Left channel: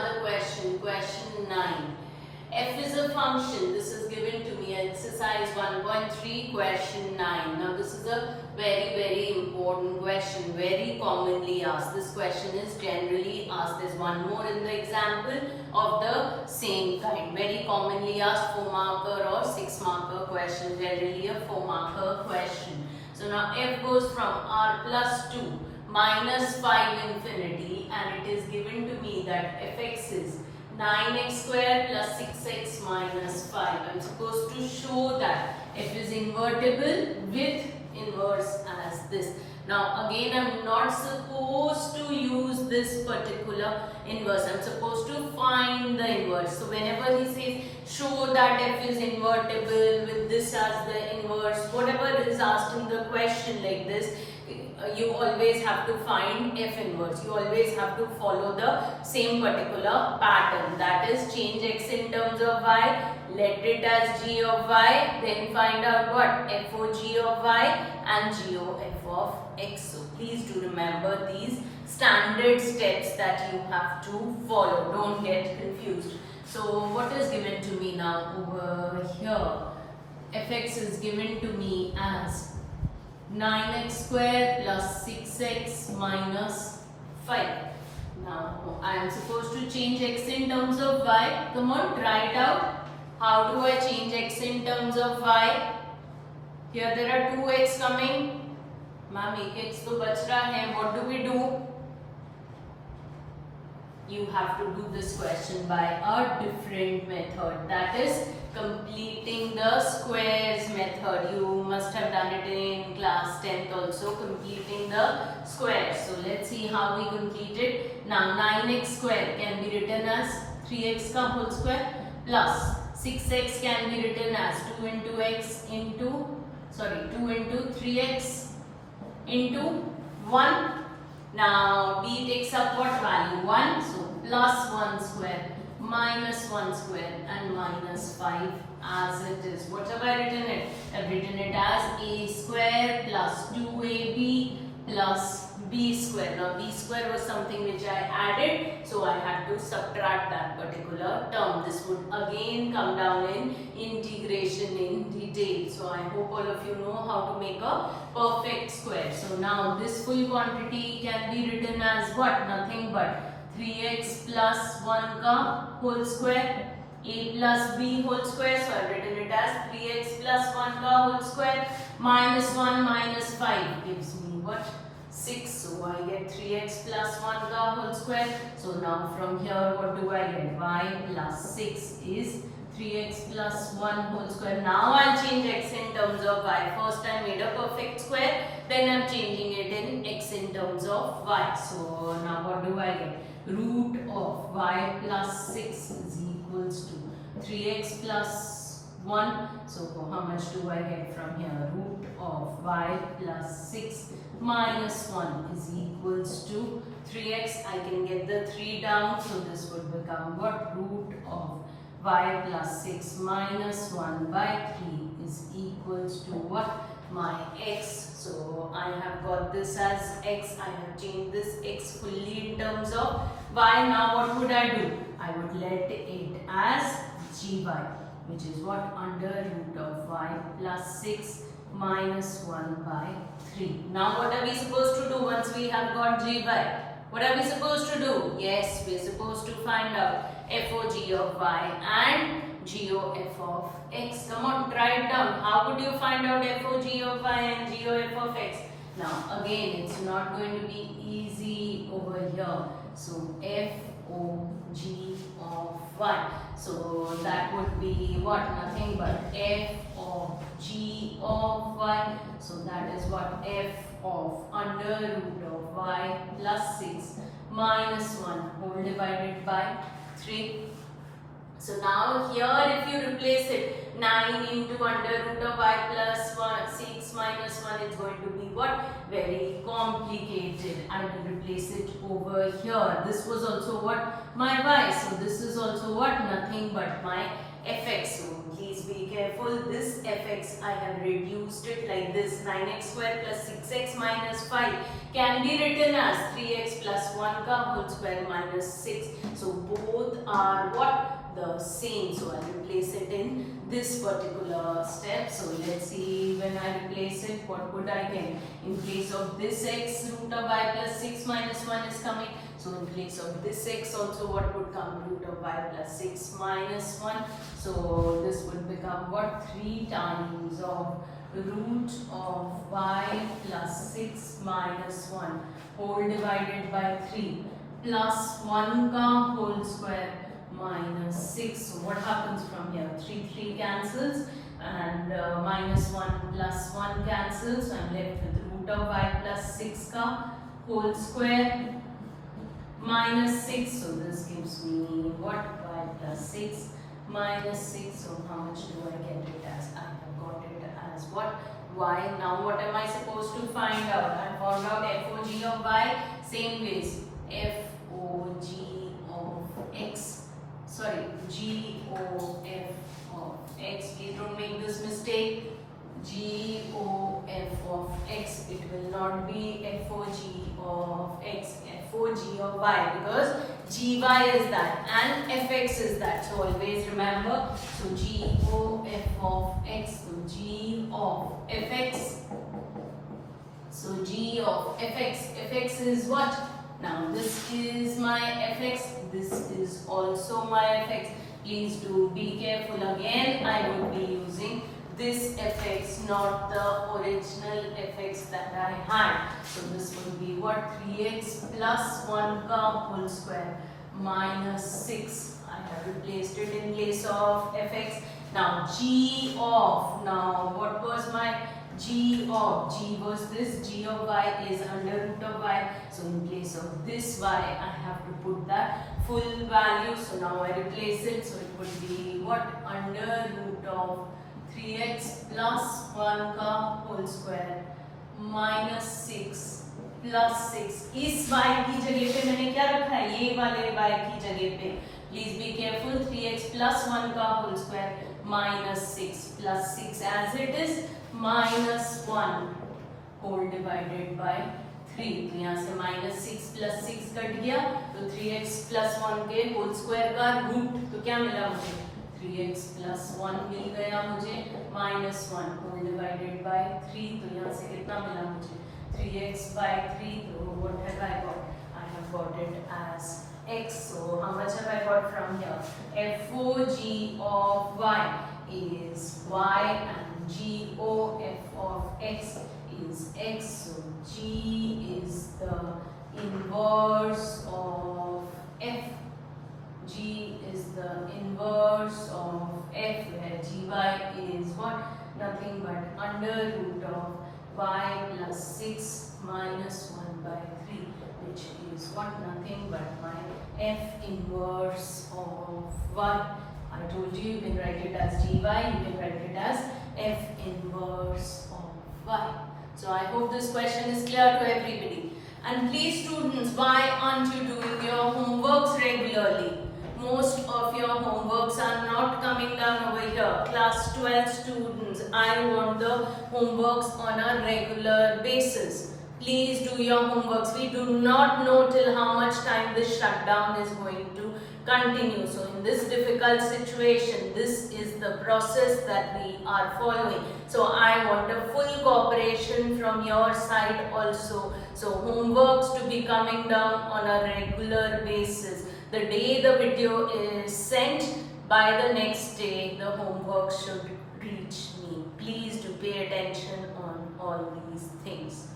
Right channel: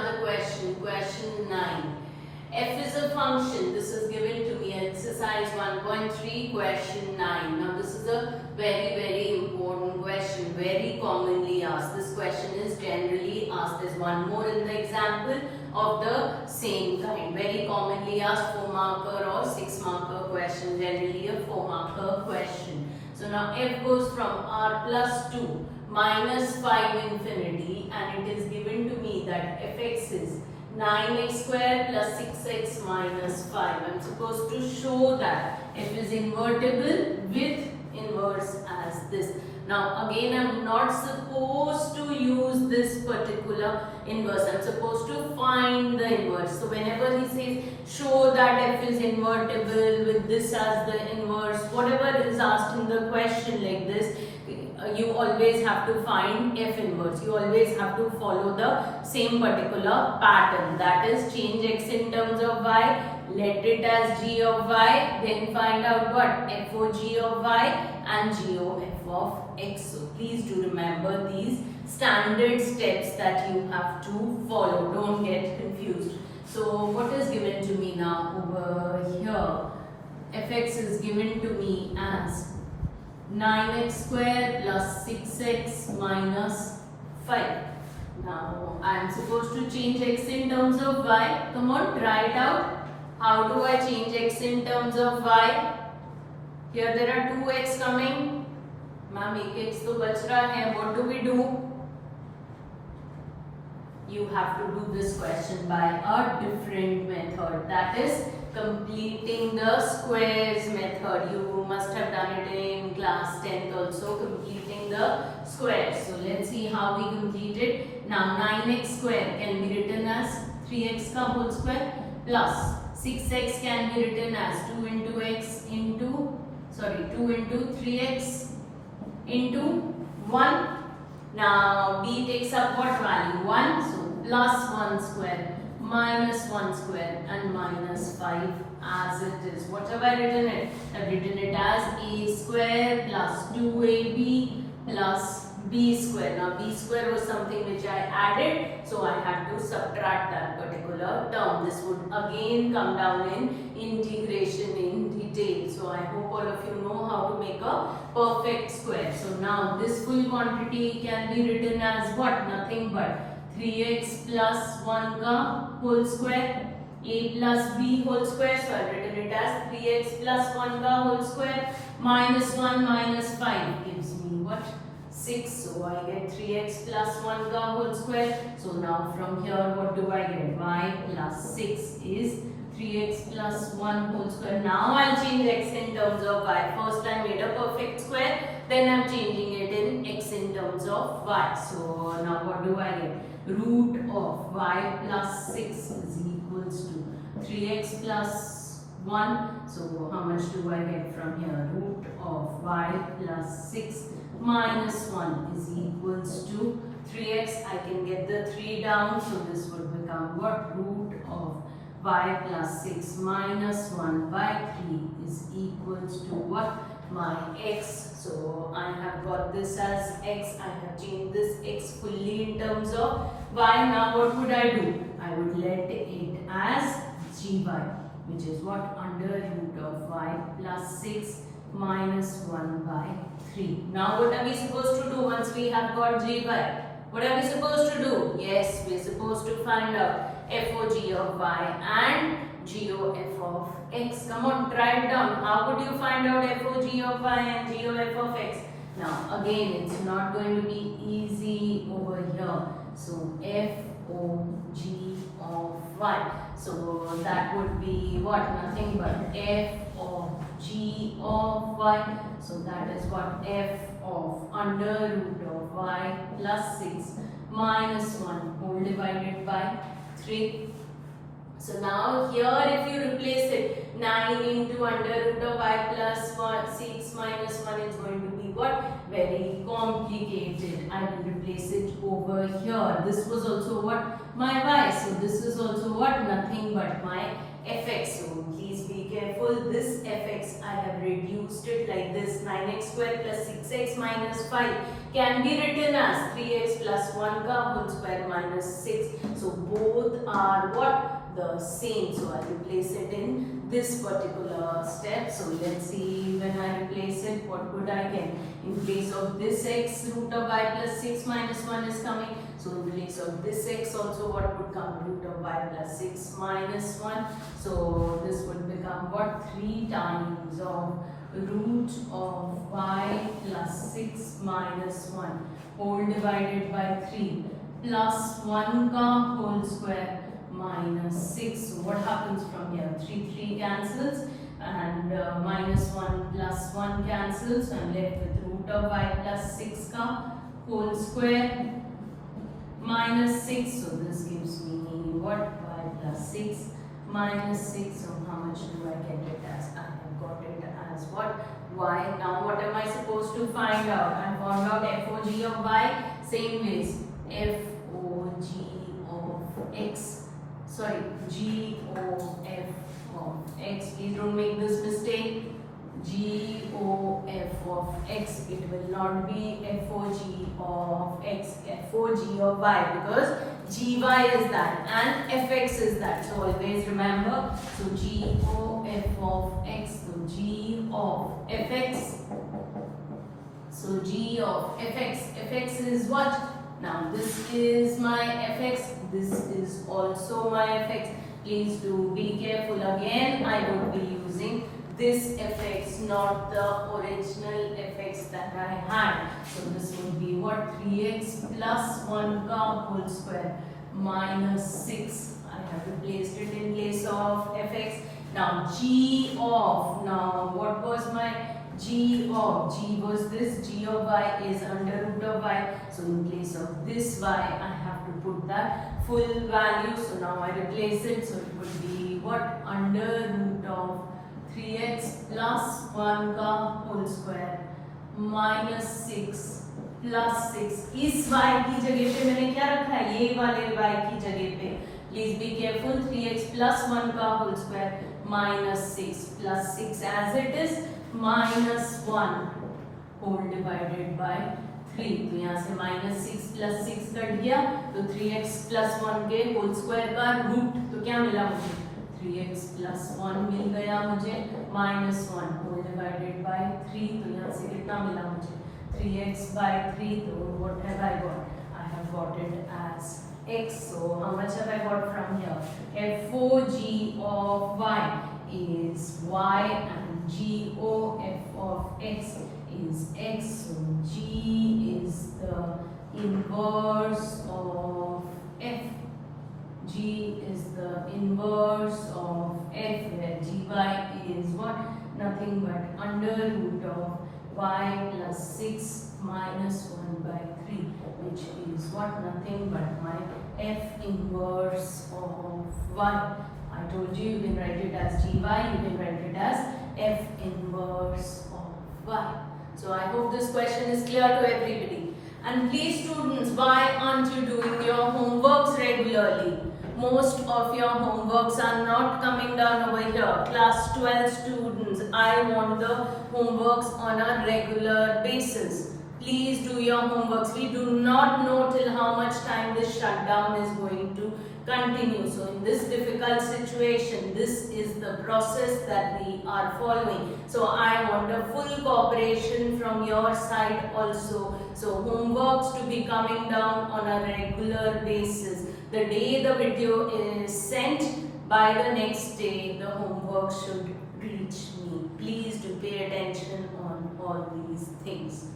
another question, question 9. F is a function. This is given to me, exercise 1.3, question 9. Now this is a very important question, very commonly asked. This question is generally asked. There's one more in the example of the same kind. Very commonly asked 4 marker or 6 marker question, generally a 4 marker question. So now F goes from R plus 2 minus 5 infinity, and it is given to me that Fx is 9x square plus 6x minus 5. I am supposed to show that F is invertible with inverse as this. Now again, I am not supposed to use this particular inverse. I am supposed to find the inverse. So whenever he says show that F is invertible with this as the inverse, whatever is asked in the question like this, you always have to find F inverse. You always have to follow the same particular pattern. That is, change x in terms of y, let it as g of y, then find out what? F o g of y and g o f of x. So please do remember these standard steps that you have to follow. Don't get confused. So what is given to me now over here? Fx is given to me as 9x square plus 6x minus 5. Now I am supposed to change x in terms of y. Come on, try it out. How do I change x in terms of y? Here there are 2x coming. Ma'am, 1x to bach raha hai. What do we do? You have to do this question by a different method. That is completing the squares method. You must have done it in class 10th also, completing the squares. So let's see how we complete it. Now 9x square can be written as 3x ka whole square plus 6x can be written as 2 into x into 2 into 3x into 1. Now b takes up what value? 1. So plus 1 square minus 1 square and minus 5 as it is. What have I written it? I have written it as a square plus 2ab plus b square. Now b square was something which I added, so I had to subtract that particular term. This would again come down in integration in detail. So I hope all of you know how to make a perfect square. So now this full quantity can be written as what? Nothing but 3x plus 1 ka whole square, a plus b whole square. So I have written it as 3x plus 1 ka whole square minus 1 minus 5 gives me what? 6. So I get 3x plus 1 ka whole square. So now from here what do I get? Y plus 6 is 3x plus 1 whole square. Now I'll change x in terms of y. First I made a perfect square, then I'm changing it in x in terms of y. So now what do I get? Root of y plus 6 is equals to 3x plus 1. So how much do I get from here? Root of y plus 6 minus 1 is equals to 3x. I can get the 3 down, so this would become what? Root of y plus 6 minus 1 by 3 is equals to what? My x. So I have got this as x. I have changed this x fully in terms of y. Now what would I do? I would let it as gy, which is what? Under root of y plus 6 minus 1 by 3. Now what are we supposed to do once we have got gy? What are we supposed to do? Yes, we are supposed to find out FOG of y and GOF of x. Come on, try it down. How would you find out FOG of y and GOF of x? Now again, it's not going to be easy over here. So FOG of y. So that would be what? Nothing but F of G of y. So that is what? F of under root of y plus 6 minus 1 whole divided by 3. So now here if you replace it, 9 into under root of y plus 6 minus 1 is going to be what? Very complicated. I will replace it over here. This was also what? My y. So this is also what? Nothing but my fx. So please be careful. This fx I have reduced it like this. 9x square plus 6x minus 5 can be written as 3x plus 1 ka whole square minus 6. So both are what? The same. So I replace it in this particular step. So let's see, when I replace it, what would I get? In place of this x, root of y plus 6 minus 1 is coming. So in place of this x also, what would come? Root of y plus 6 minus 1. So this would become what? 3 times of root of y plus 6 minus 1 whole divided by 3 plus 1 ka whole square minus 6. So what happens from here? 3 cancels, and minus 1 plus 1 cancels. So I'm left with root of y plus 6 ka whole square minus 6. So this gives me what? Y plus 6 minus 6. So how much do I get it as? I have got it as what? Y. Now what am I supposed to find out? I found out FOG of y. Same ways. FOG of x. Sorry, GOF of x. Please don't make this mistake. GOF of x. It will not be FOG of x. FOG of y, because GY is that and FX is that. So always remember. So GOF of x. So G of fx. So G of fx. Fx is what? Now this is my fx. This is also my fx. Please do be careful. Again, I would be using this fx, not the original fx that I had. So this would be what? 3x plus 1 ka whole square minus 6. I have replaced it in place of fx. Now g of, now what was my g of? G was this, g of y is under root of y. So in place of this y, I have to put that full value. So now I replace it. So it would be what? Under root of 3x plus 1 ka whole square minus 6 plus 6. इस y की जगह पे मैंने क्या रखा है? ये वाले y की जगह पे. Please be careful. 3x plus 1 का whole square minus 6 plus 6 as it is minus 1 whole divided by 3. तो यहाँ से minus 6 plus 6 कट गया. तो 3x plus 1 के whole square का root. तो क्या मिला मुझे? 3x plus 1 मिल गया मुझे minus 1 whole divided by 3. तो यहाँ से कितना मिला मुझे? 3x by 3. So what have I got? I have got it as x. So how much have I got from here? FOG of y is y and GOF of x is x. So G is the inverse of f. G is the inverse of f, where gy is what? Nothing but under root of y plus 6 minus 1 by 3, which is what? Nothing but my f inverse of 1. I told you, you can write it as gy, you can write it as f inverse of y. So I hope this question is clear to everybody. And please students, why aren't you doing your homeworks regularly? Most of your homeworks are not coming down over here. Class 12 students, I want the homeworks on a regular basis. Please do your homeworks. We do not know till how much time this shutdown is going to continue. So in this difficult situation, this is the process that we are following. So I want a full cooperation from your side also. So homeworks to be coming down on a regular basis. The day the video is sent, by the next day the homework should reach me. Please do pay attention on all these things.